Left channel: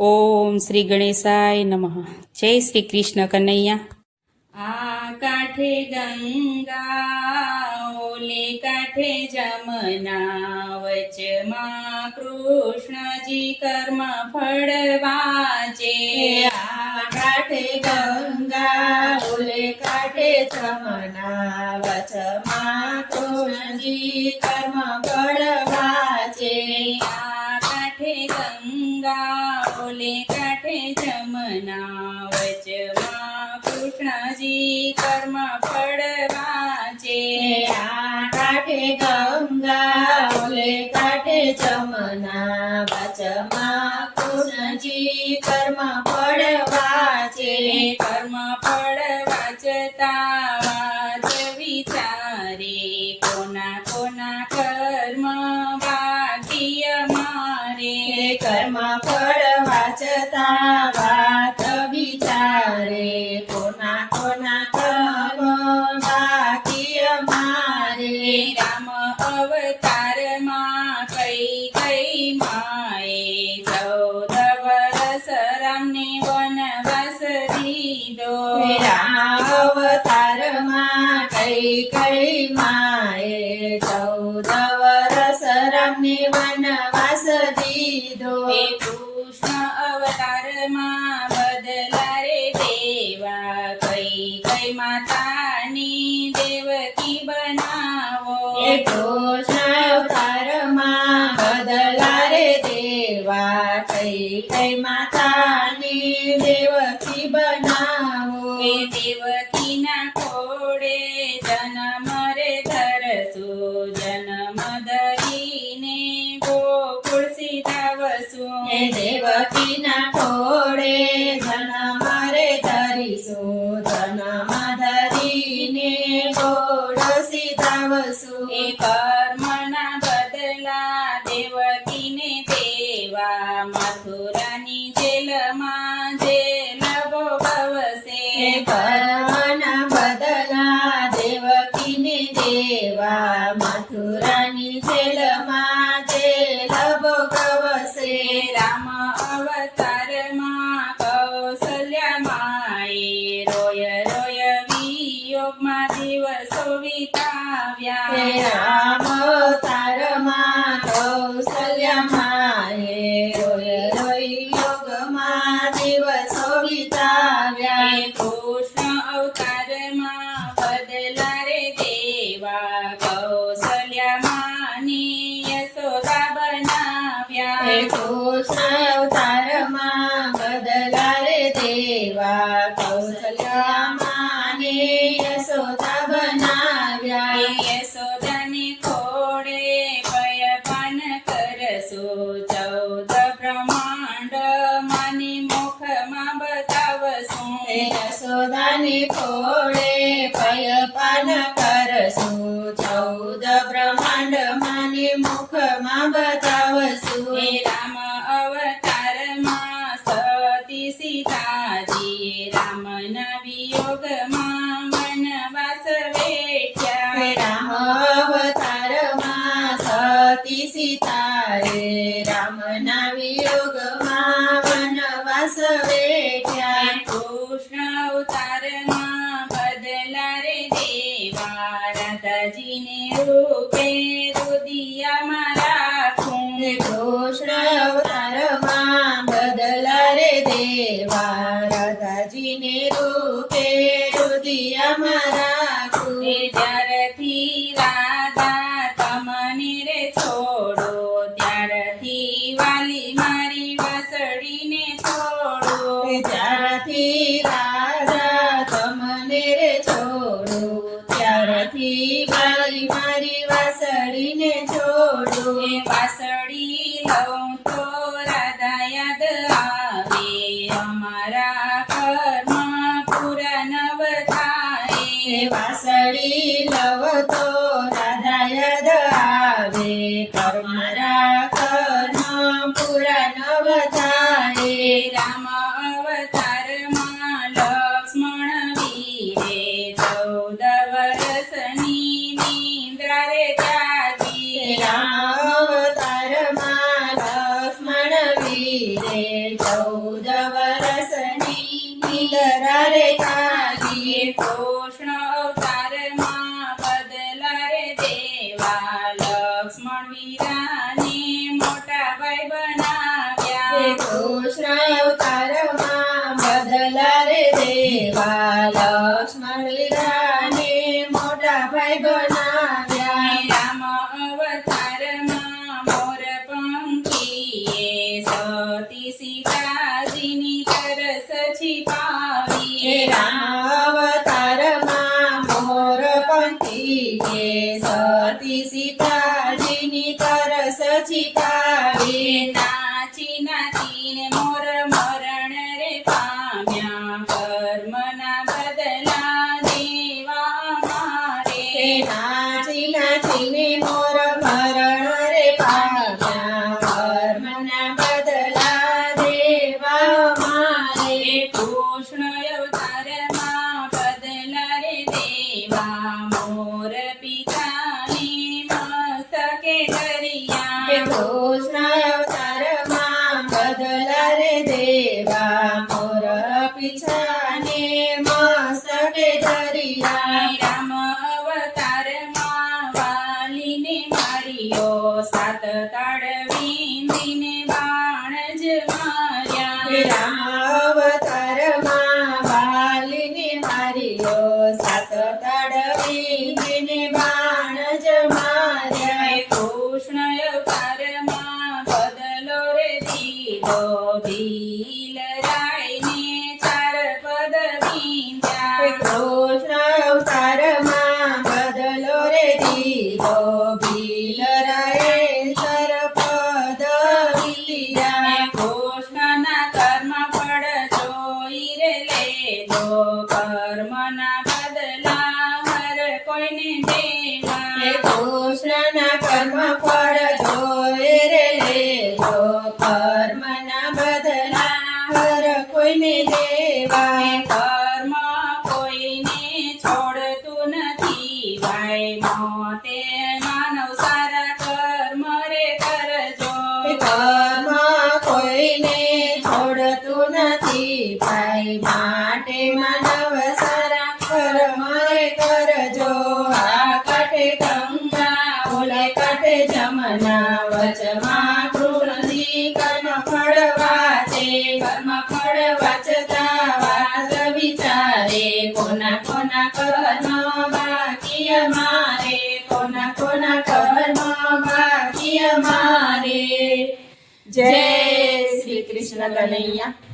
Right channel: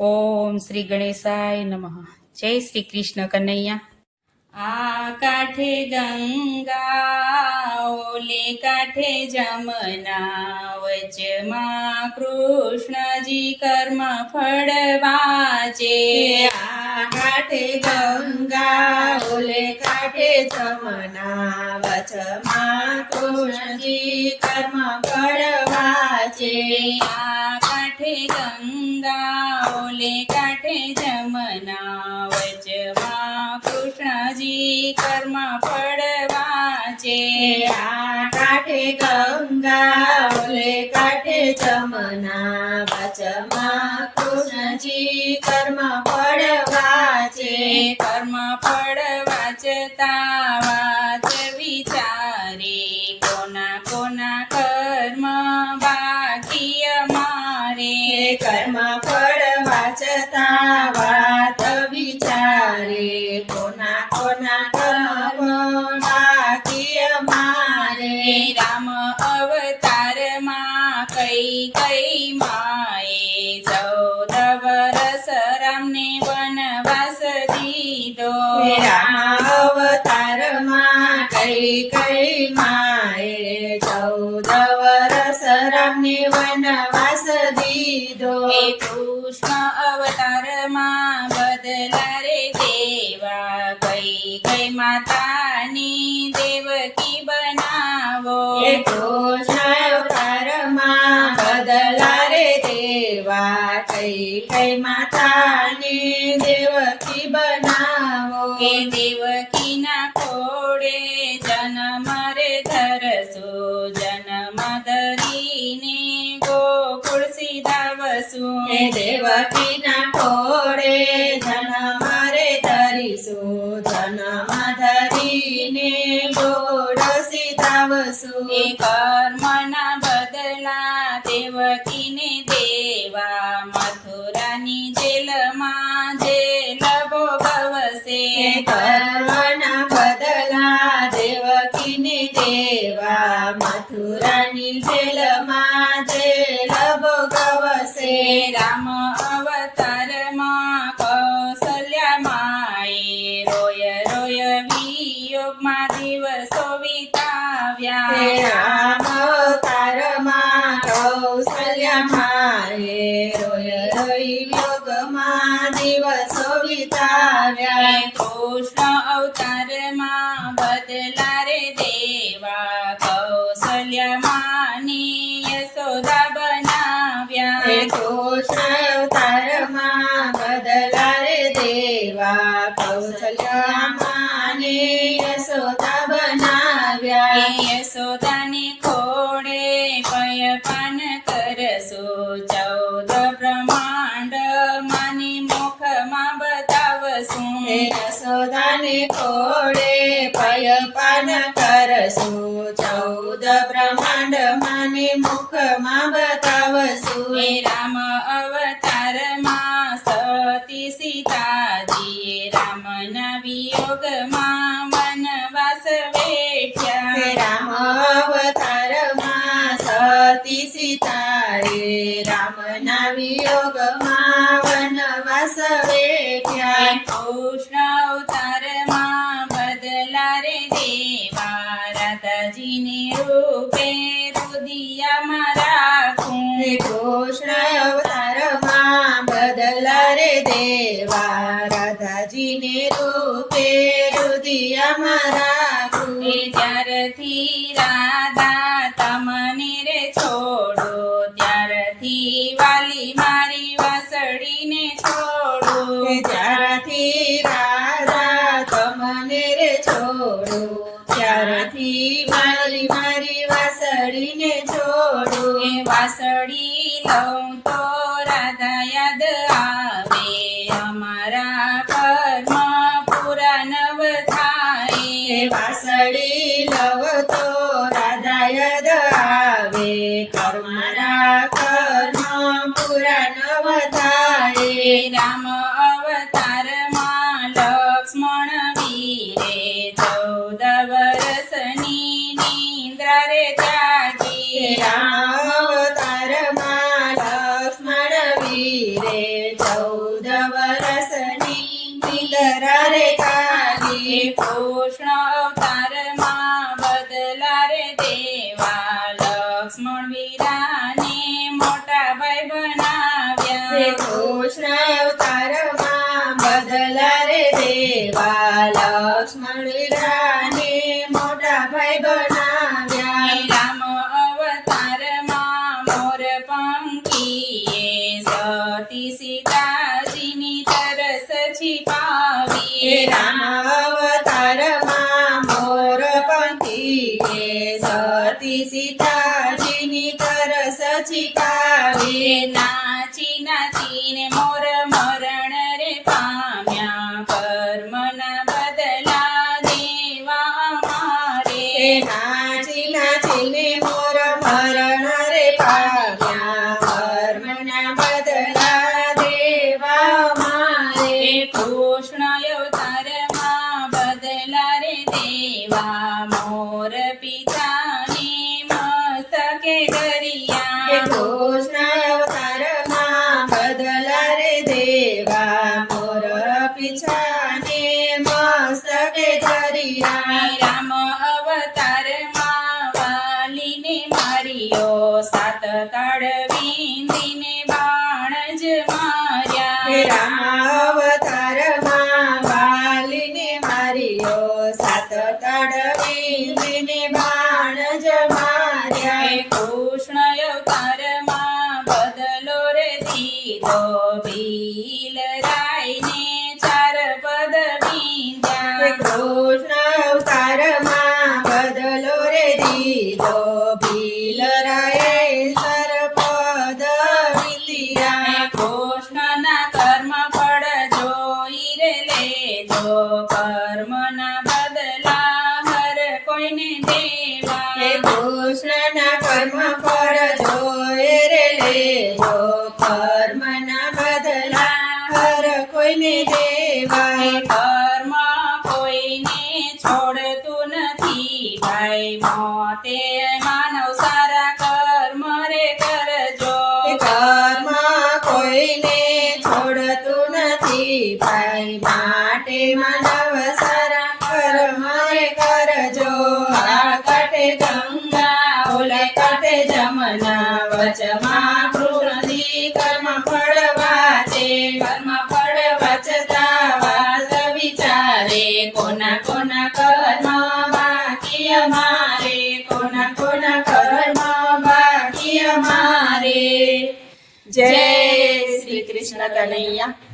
ઓમ શ્રી ગણેશાય નમઃ. જય શ્રી કૃષ્ણ કનૈયા. આ કાંઠે ગંગા ઓલે કાંઠે જમના, વચમાં કૃષ્ણજી કર્મ ફળ વાંચે. આ કાંઠે ગંગા ઓલે કાંઠે જમના, વચમાં કૃષ્ણજી કર્મ ફળ વાંચે. આ કાંઠે ગંગા ઓલે કાંઠે જમના, વચમાં કૃષ્ણજી કર્મ ફળ વાંચે. આ કાંઠે ગંગા ઓલે કાંઠે જમના, વચમાં કૃષ્ણજી કર્મ ફળ વાંચે. કર્મ ફળ વાંચતા વાંચ વિચારે, કોના કોના કર્મ બાકી અમારે. કર્મ ફળ વાંચતા વાત વિચારે, કોના કોના કર્મ બાકી અમારે. રામ અવતારમાં કઈ કઈ માએ, 14 વર્ષ રામને વનવાસ દીધો. રામ અવતારમાં કઈ કઈ માએ, 14 વર્ષ રામને વનવાસ દીધો. કૃષ્ણ અવતારમાં બદલા રે દેવા, કઈ કઈ માતાની દેવકી બનાવો. કૃષ્ણ અવતારમાં બદલા રે દેવા, કઈ કઈ માતાની દેવકી બનાવો. દેવકીના ખોડે જન્મ રે ધરસો, જન્મ ધરીને ગોકુળ સીધાવશું. દેવકીના ખોડે જન્મ રે ધરીશું, જન્મ ધરીને ગોળ સીધાવશું. કર્મના બદલા દેવકીને દેવા, મથુરાની જેલમાં જેલ ભોગવશે. કર્મના બદલા દેવકીને દેવા, મથુરાની જેલમાં જેલ ભોગવશે. રામ અવતારમાં કૌશલ્યા માએ, રોય રોય વિયોગમાં દિવસો વિતાવ્યા. રામ અવતારમાં કૌશલ્યા માએ, રોય રોઈ યોગમાં દિવસો વિતાવ્યા. કૃષ્ણ અવતારમાં બદલા રે દેવા, કૌશલ્યા માની યશોદા બનાવ્યા. કૃષ્ણ અવતારમાં બદલા રે દેવા, કૌશલ્યા માને યશોદા બનાવ્યા. યશોદાને ખોડે પયપાન કરશો, 14 બ્રહ્માંડ માની મુખમાં બતાવશું. યશોદાને ખોડે પયપાન કરશું, 14 બ્રહ્માંડ માને મુખમાં બતાવશું. રામ અવતારમાં સતી સીતાજી, રામના વિયોગમાં વનવાસ વેઠ્યા. રામ અવતારમાં સતી સીતાએ, રામના વિયોગમાં વનવાસ વેઠ્યા. કૃષ્ણ અવતારમાં બદલા રે દેવા, રાધાજીને રૂપે રુદિયામાં રાખું. કૃષ્ણ અવતારમાં બદલા રે દેવા, રાધાજીને રૂપે રુદિયામાં રાખું. ત્યારથી રાધા તમને રે છોડો, ત્યારથી વાલી મારી વાસળીને છોડો. ત્યારથી રાધા તમને રે છોડો, ત્યારથી મારી મારી વાસળીને છોડો. વાસળી લઉં તો રાધા યાદ આવે, અમારા કર્મ પૂરા નવ થાય. વાસળી લવ તો રાધા યાદ આવે, મારા કર્મ પૂરા નવ થાય. રામ અવતારમાં લક્ષ્મણ વીરે, 14 વર્ષની નિંદ્રા રે જાગી. રામ અવતારમાં લક્ષ્મણ વીરે 14 કૃષ્ણ અવતારમાં બદલા રે દેવા લક્ષ્મણ વીરાને મોટા ભાઈ બનાવ્યા કૃષ્ણ અવતારમાં બદલા રે દેવા લક્ષ્મણ વીરાને મોટા ભાઈ બનાવ્યા રામ અવતારમાં મોર પંખીએ સતી સીતાજીની તરસ छिपावी રામ અવતારમાં મોર પંખીએ સતી સીતાજીની તરસ છીપાવી નાચી નાચીને મોર મરણ રે પામ્યા કર્મના બદલા દેવા અમારે નાચી નાચીને મોર મરણ રે પામ્યા કર્મના બદલા દેવા મારે કૃષ્ણ અવતારમાં બદલા રે દેવા મોર પિતાને મસ્તકે ધર્યા કૃષ્ણ અવતારમાં બદલા રે દેવા મોર પીછાને મસ્તકે ધર્યા રામ અવતારમાં વાલીને માર્યો સાત તાળ વીંધીને બાણ જ માર્યા રામ અવતારમાં વાલીને માર્યો સાત તાળવીને બાણ જ માર્યા કૃષ્ણ અવતારમાં બદલો રે દીધો ભીલ રાયને ચાર પદ વીંધ્યા કૃષ્ણ અવતારમાં બદલો રે દીધો ભીલરાએ સરપદ વિલિયા કૃષ્ણના કર્મ ફળ જોઈ રે લેજો કર્મના બદલા હર કોઈને દેવા કૃષ્ણના કર્મ ફળ જોઈ રે લેજો કર્મના બદલા હર કોઈને દેવા કર્મ કોઈને છોડતું નથી ભાઈ મોતે માનવ સારા કર્મ રે કરજો કર્મ કોઈને છોડતું નથી ભાઈ માટે માનવ સારા કર્મ રે કરજો આ કાંઠે ગંગા ઓલે કાંઠે જમના વચમાં કૃષ્ણજી કર્મ ફળ વાંચે કર્મ ફળ વાંચતા વાત વિચારે કોના કોના કર્મ બાકી અમારે કોના કોના કર્મ બાકી અમારે જય શ્રી કૃષ્ણ કનૈયા